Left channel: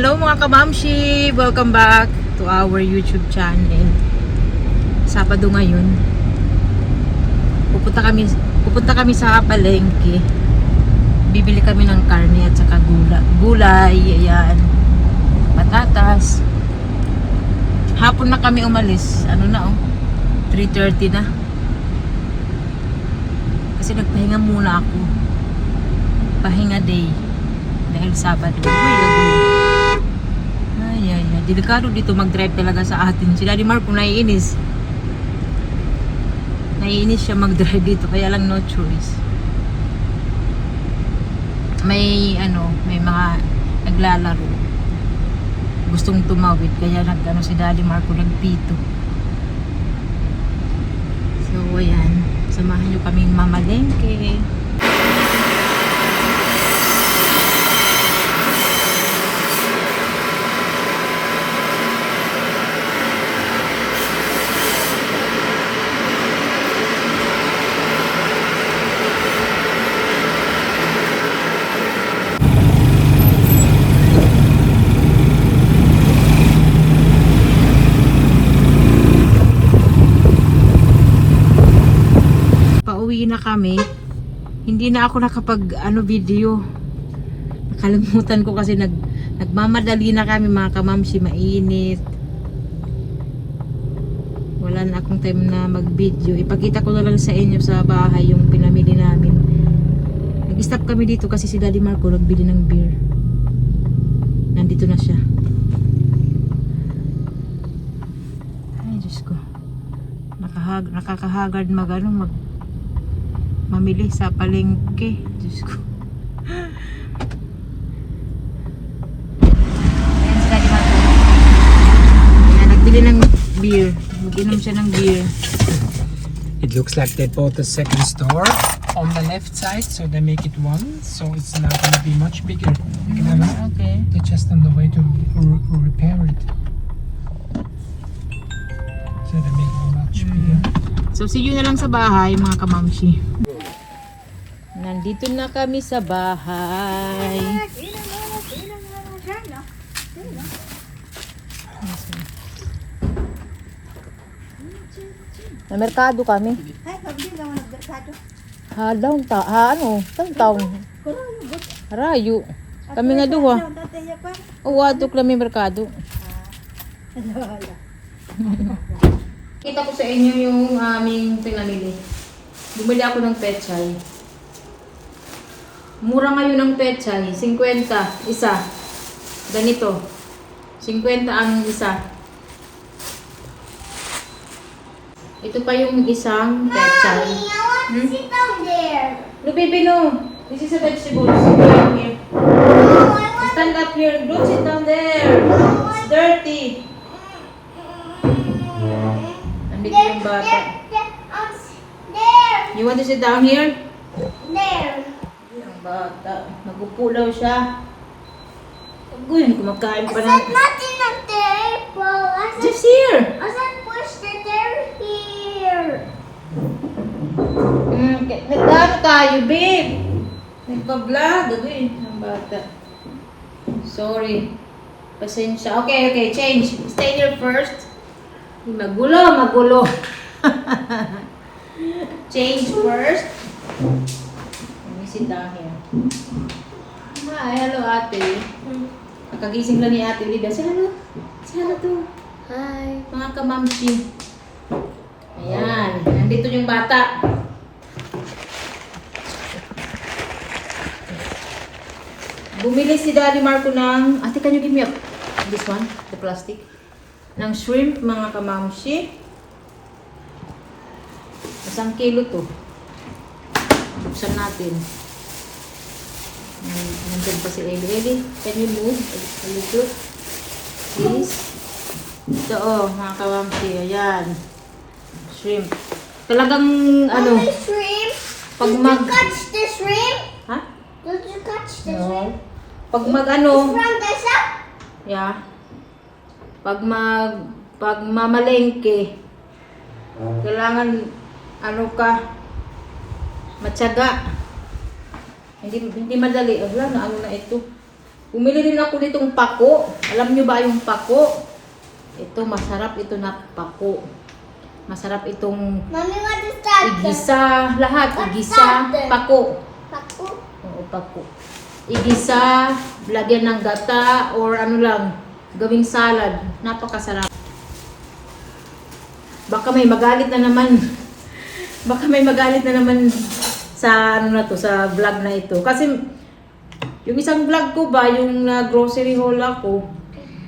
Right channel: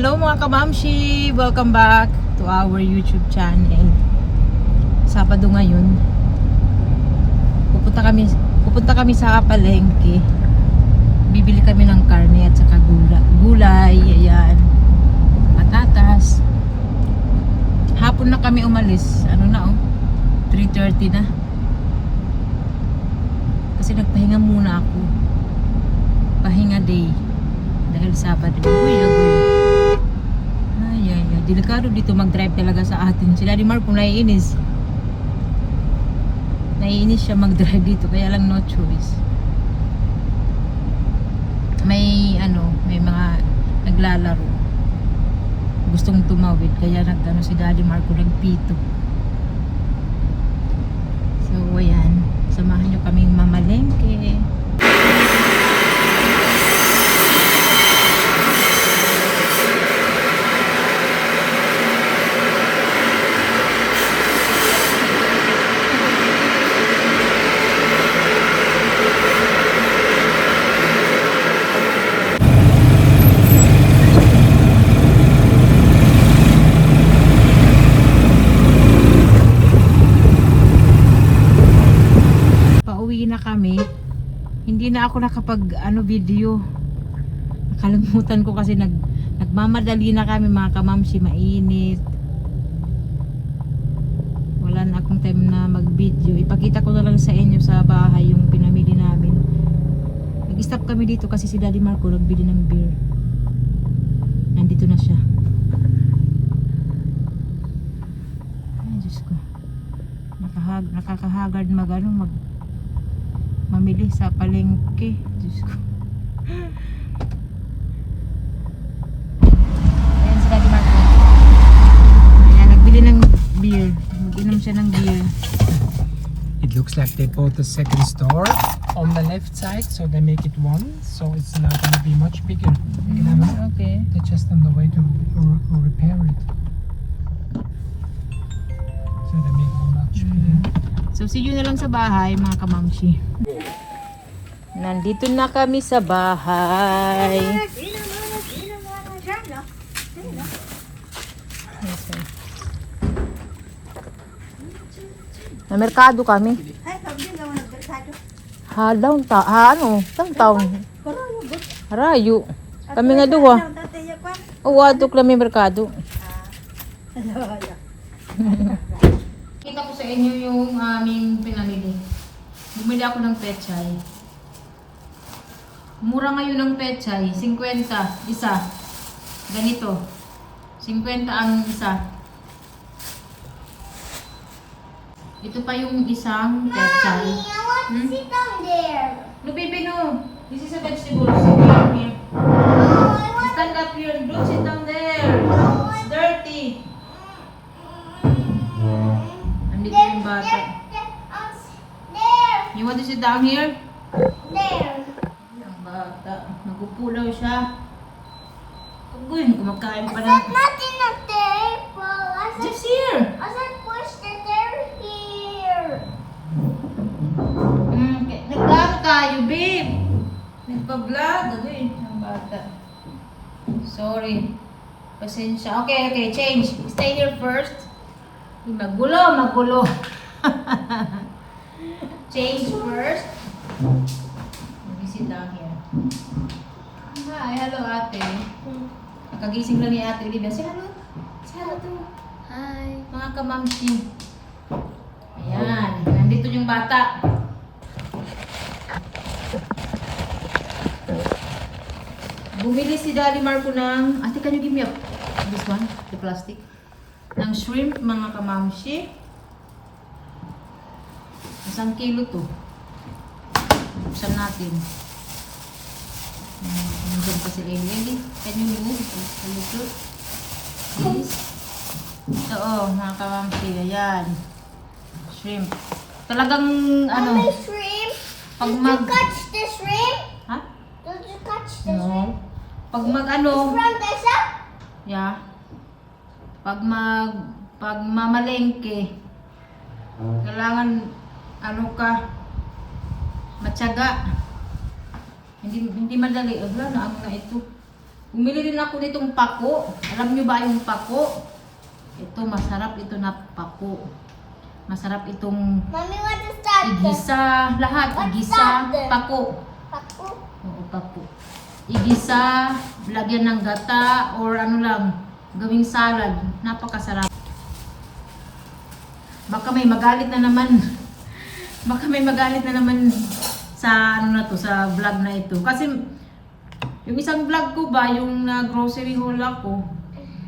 Hello mga kabamshi! Welcome back to our YouTube channel. Sabado ngayon. Pupunta kami sa palengke. Bibili kami ng karne at saka gulay. Ayan. Patatas. Hapon na kami umalis. Ano na 3:30 na. Kasi nagpahinga muna ako. Pahinga day. Dahil Sabado. Ay. Delikado dito mag-drive talaga sa atin. Si Daddy Marco naiinis. Naiinis siya mag-drive dito. Kaya lang no choice. May mga naglalaro. Gustong tumawid. Kaya si Daddy Marco nagpito. So ayan. Samahan nyo kaming mamalengke. Kami, hindi na ako nakapag video. Nakalimutan ko kasi nagmamadali na kami mga kamamsi, mainit. Wala na akong time na mag video. Ipakita ko na lang sa inyo sa bahay yung pinamili namin. Nag-stop kami dito kasi si Daddy Marco nagbili ng beer. Nandito na siya. Ay Diyos ko, nakakahagard mamili sa palengke. Diyos ko. Ayan, nagbili ng beer. Mag-inom siya ng beer. It looks like they bought the second store on the left side, so they make it one, so it's not going to be much bigger. Okay. They're just on the way to repair it. So they make it much bigger. So see you na lang sa bahay mga kamamshi. Nandito na kami sa bahay. Na merkado kami. Halang taon. Harayo. Kami nga duwa. Uwadok lang may merkado. Kita ko sa inyo yung aming pinamili. Bumili ako ng pechay. Mura ngayon ng pechay. 50 isa. Ganito. 50 ang isa. Ito pa yung isang pechay. Sit down there. No, baby, no. This is a vegetable. Sit down here. Stand up here. Don't sit down there. It's dirty. Nandito yung bata. There. You want to sit down here? There. Ang bata. Nagpupulaw siya. Agoy, kumakain pa I ng... said not in the table. Just here. I said push the table here. Nagdano tayo, babe. Nagpa-vlog. Agoy, ang bata. Sorry. Pasensya. Okay, change. Stay here first. Magulo. Change first. Let me sit down here. Hi, hello ate. Nakagising lang ni ate Olivia. Say hello. Say hello to. Hi. Mga kamamsi. Ayan. Nandito yung bata. Bumili si Daddy Marco ng... Ate, can you give me this one? The plastic? Ng shrimp, mga kamamsi. 1 kilo to. Buksan natin. Nandun pa si Eli. Can you move a little? Please. Ito mga kamamsi. Ayan. Shrimp. Talagang Mommy, shrimp. Pag Did you catch the shrimp? Ha? Did you catch the No. shrimp? Pag From the shop? Yeah. Pag mamalengke, kailangan matyaga. Hindi madali. Wala na ito. Bumili rin ako ditong pako. Alam nyo ba yung pako? Ito, masarap ito na pako. Masarap itong Mommy, what is that? igisa. Lahat, What's igisa, that then? pako. Paku. Oo, pako. Igisa, lagyan ng gata, or ano lang, gawing salad. Napakasarap. Baka may magalit na naman. Baka may magalit na naman sa ano na to, sa vlog na ito. Kasi yung isang vlog ko ba, yung grocery haul ako,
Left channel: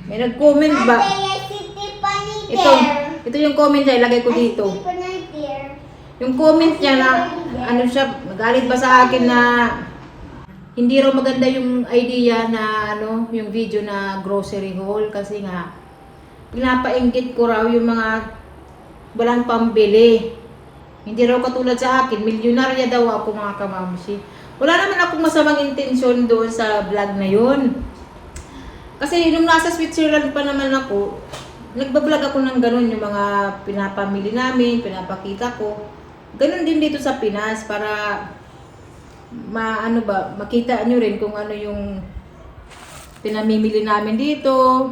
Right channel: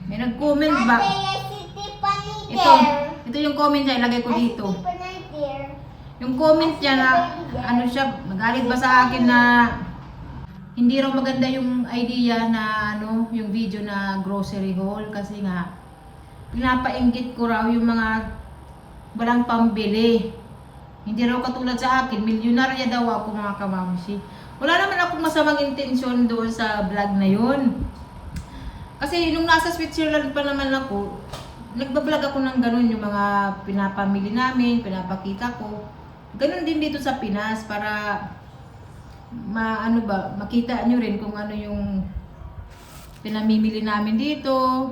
may nag-comment ba? Ate, I see Tiffany Ito, there. ito yung comment niya, ilagay ko I see dito. Tiffany there. Yung comment niya na, ano siya, nagalit ba sa akin na hindi raw maganda yung idea na ano, yung video na grocery haul kasi nga pinapainggit ko raw yung mga walang pambili. Hindi raw katulad sa akin, milyonarya daw ako mga kamamsi. Wala naman akong masamang intensyon doon sa vlog na yun. Kasi nung nasa Switzerland pa naman ako, nagbablog ako ng ganun, yung mga pinapamili namin, pinapakita ko. Ganun din dito sa Pinas para makita nyo rin kung ano yung pinamimili namin dito.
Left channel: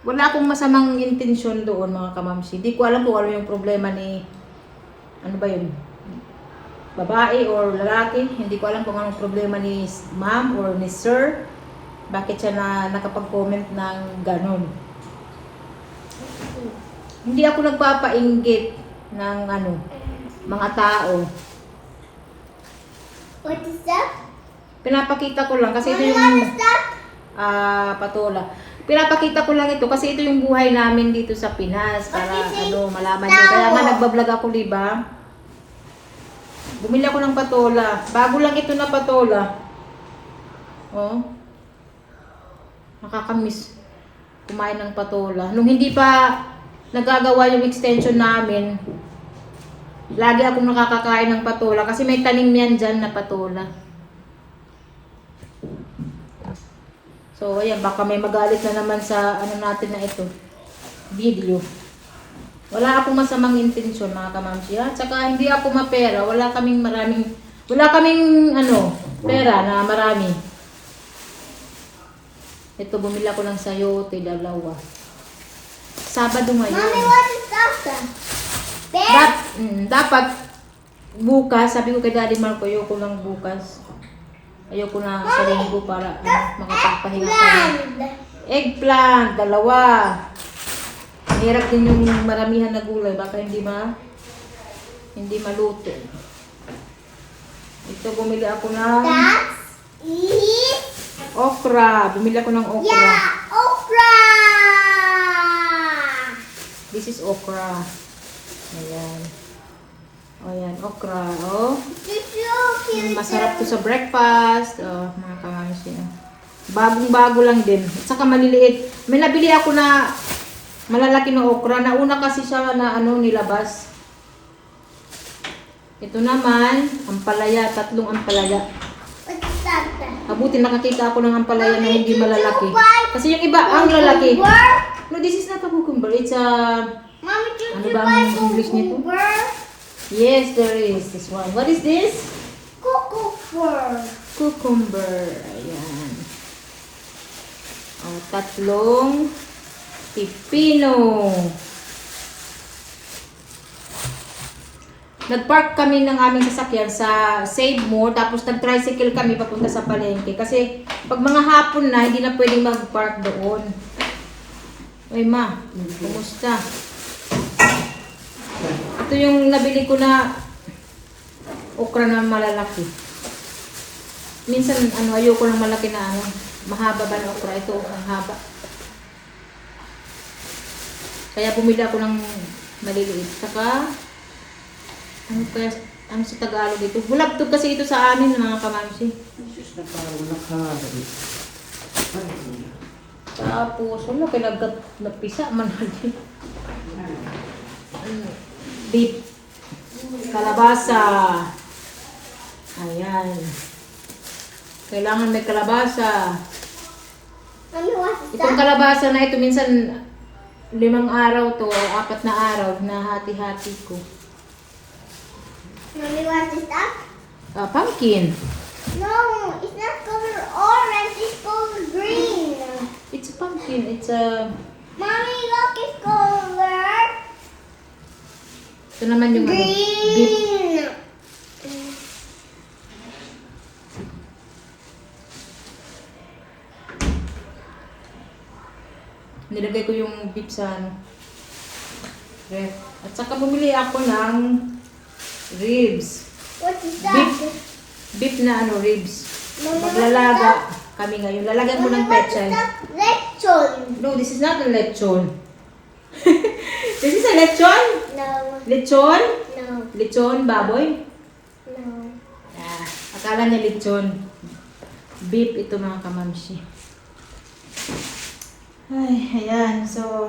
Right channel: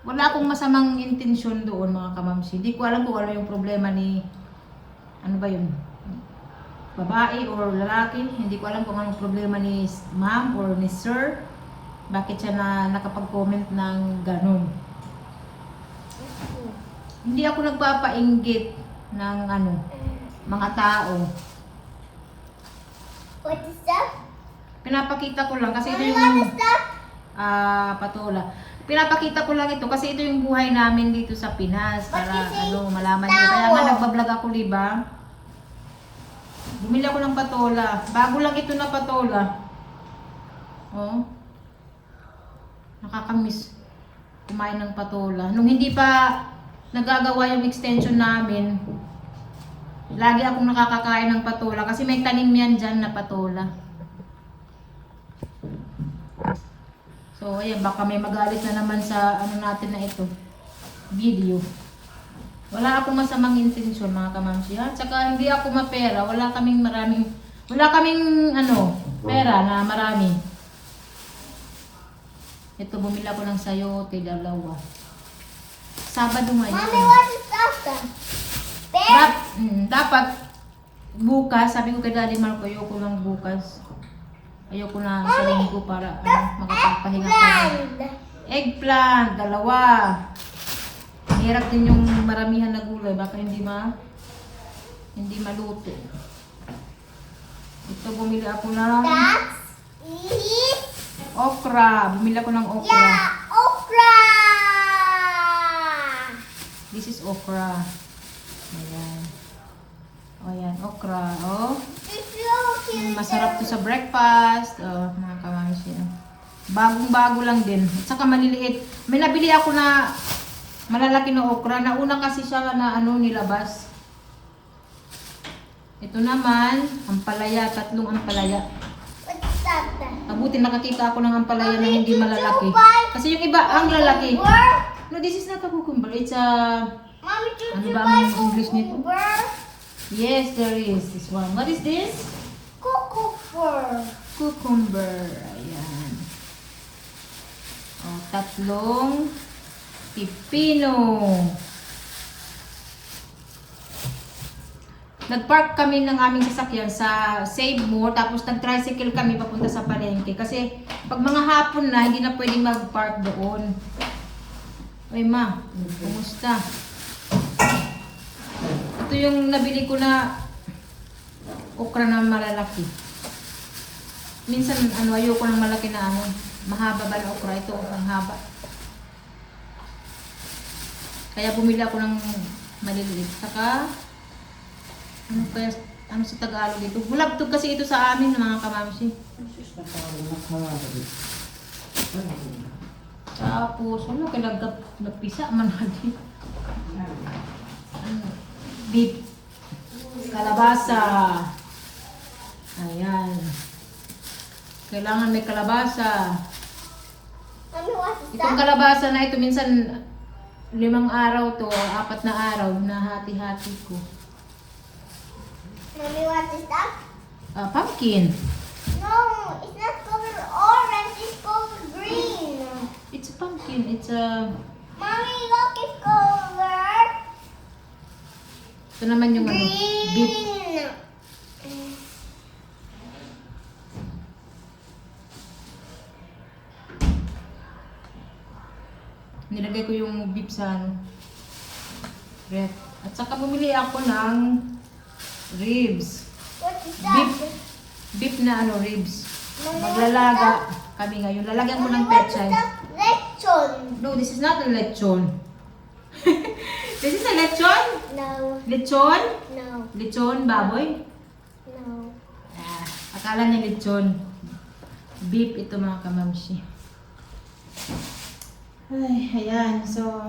Wala akong masamang intensyon doon mga kamamsi. Hindi ko alam kung ano yung problema ni, ano ba yun, babae or lalaki. Hindi ko alam kung anong problema ni ma'am or ni sir. Bakit siya nakapag-comment ng ganon. Hindi ako nagpapainggit ng ano, mga tao. What is that? Pinapakita ko lang kasi ito Mommy, yung what is that? patola. Pinapakita ko lang ito kasi ito yung buhay namin dito sa Pinas para What is it? ano, malaman nyo. Kaya nga nagbablog ako, diba? Bumili ako ng patola. Bago lang ito na patola. Oh. Nakakamiss kumain ng patola. Nung hindi pa nagagawa yung extension namin, lagi akong nakakakain ng patola kasi may tanim yan dyan na patola. So, ayan, baka may magalit na naman sa ano natin na ito, video. Wala akong masamang intensyon mga kamamsi, ha? Tsaka hindi ako mapera, wala kaming ano, pera na marami. Ito, bumili ako ng sayote, dalawa. Sabado ngayon. Mommy, what is that then? Bear? Dapat bukas, sabi ko kay Daddy Marco, ayoko lang bukas. Ayoko na sa linggo para makapagpahinga ka. Land. Eggplant, dalawa. Mahirap din yung maramihan na gulay, baka hindi maluto. Ito, bumili ako ng That is, okra. Bumili ako ng okra. yeah, okra. This is okra. Ayan. O yan, okra. Oh. Masarap to sa breakfast. Oh, mga kamamsi. Bagong-bago lang din. At saka maliliit. May nabili ako na malalaki na okra. Nauna kasi siya na ano, nilabas. Ito naman, ampalaya. 3 ampalaya. What's that then? Mabuti nakakita ako ng ampalaya na hindi malalaki. Did you buy Kasi yung iba, ang lalaki. cucumber? No, this is not a cucumber. It's a... Mommy, did Ano you ba buy ang English nito? cucumber? Yes, there is this one. What is this? Cucumber. Cucumber. Ayan. O, 3 pipino. Nag-park kami ng aming sasakyan sa Save More, tapos nag-tricycle kami papunta sa palengke. Kasi pag mga hapon na, hindi na pwedeng mag-park doon. Ay ma, kumusta? Ito yung nabili ko na okra na malalaki. Minsan, ayoko ng malaki na mahaba ba na okra. Ito, ang haba. Kaya bumili ako ng maliliit. Saka, ano sa Tagalog dito? Bulabtog kasi ito sa amin, mga kamamsi. Tapos, wala, nagpisa man natin. Beef. Kalabasa. Ayan. Kailangan may kalabasa. Mommy, what is Itong that? kalabasa na ito, minsan 5 araw to o 4 na araw na hati-hati ko. Mommy, what is that? Pumpkin. No, it's not color orange. It's color green. It's pumpkin. It's a... Mommy, look, it's color Ito naman yung ano, beef. green. Nilagay ko yung beef sa ano, ref. At saka bumili ako ng ribs. What is that? Beef. Beef na ano, ribs. Maglalaga kami ngayon. Lalagyan ko ng petchay. Lechon. No, this is not a lechon. This is a lechon? No, Lechon? no, Lechon, baboy? no. Ah, akala niya lechon. Beef ito mga kamamshi. Ay, ayan. So,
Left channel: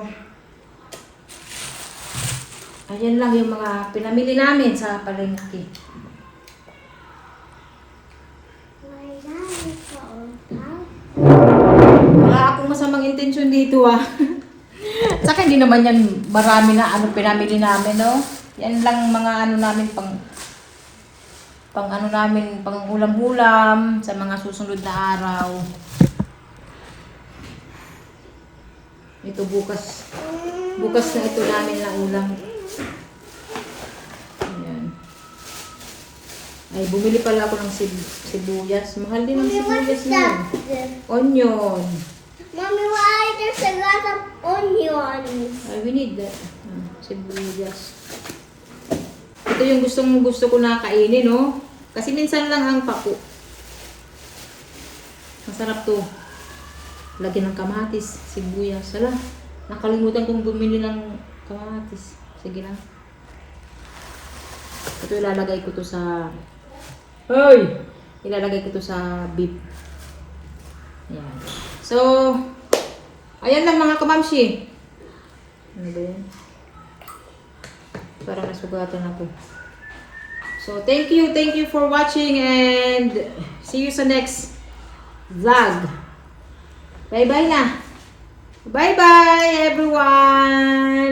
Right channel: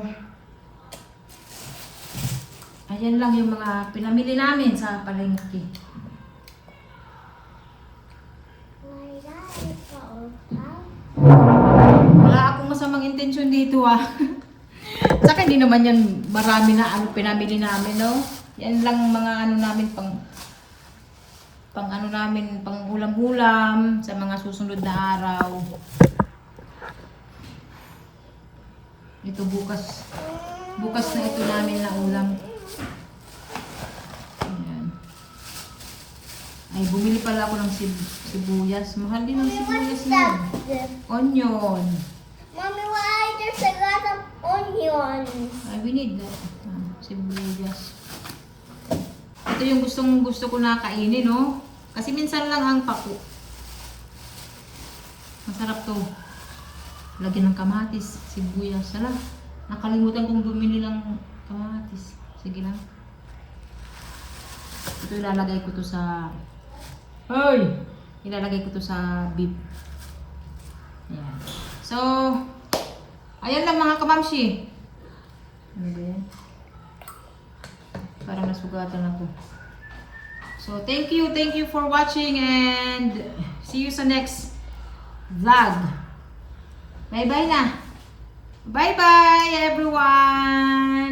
ayan lang yung mga pinamili namin sa palengke. My God, it's so old. Wala akong masamang intensyon dito ah. Saka hindi naman yan marami na ano pinamili namin, no? Yan lang mga ano namin pang ano namin, pang ulam-ulam sa mga susunod na araw. Ito bukas. Bukas na ito namin na ulam. Ayan. Ay, bumili pala ako ng sibuyas. Mahal din ang sibuyas na yun. Onion. Mommy, why there's a lot of onions? Ay, we need that. Sibuyas. Ito yung gusto ko na kainin, no? Kasi minsan lang ang paku. Masarap to. Lagyan ng kamatis, sibuyas. Sala, nakalimutan kong bumili ng kamatis. Sige lang. Ito ilalagay ko to sa... Hoy! Ilalagay ko to sa beef. Ayan. So, ayan lang mga kamamshi. Ano ba yan? Parang nasugatan ako. So, thank you for watching and see you sa next vlog. Bye-bye na. Bye-bye everyone!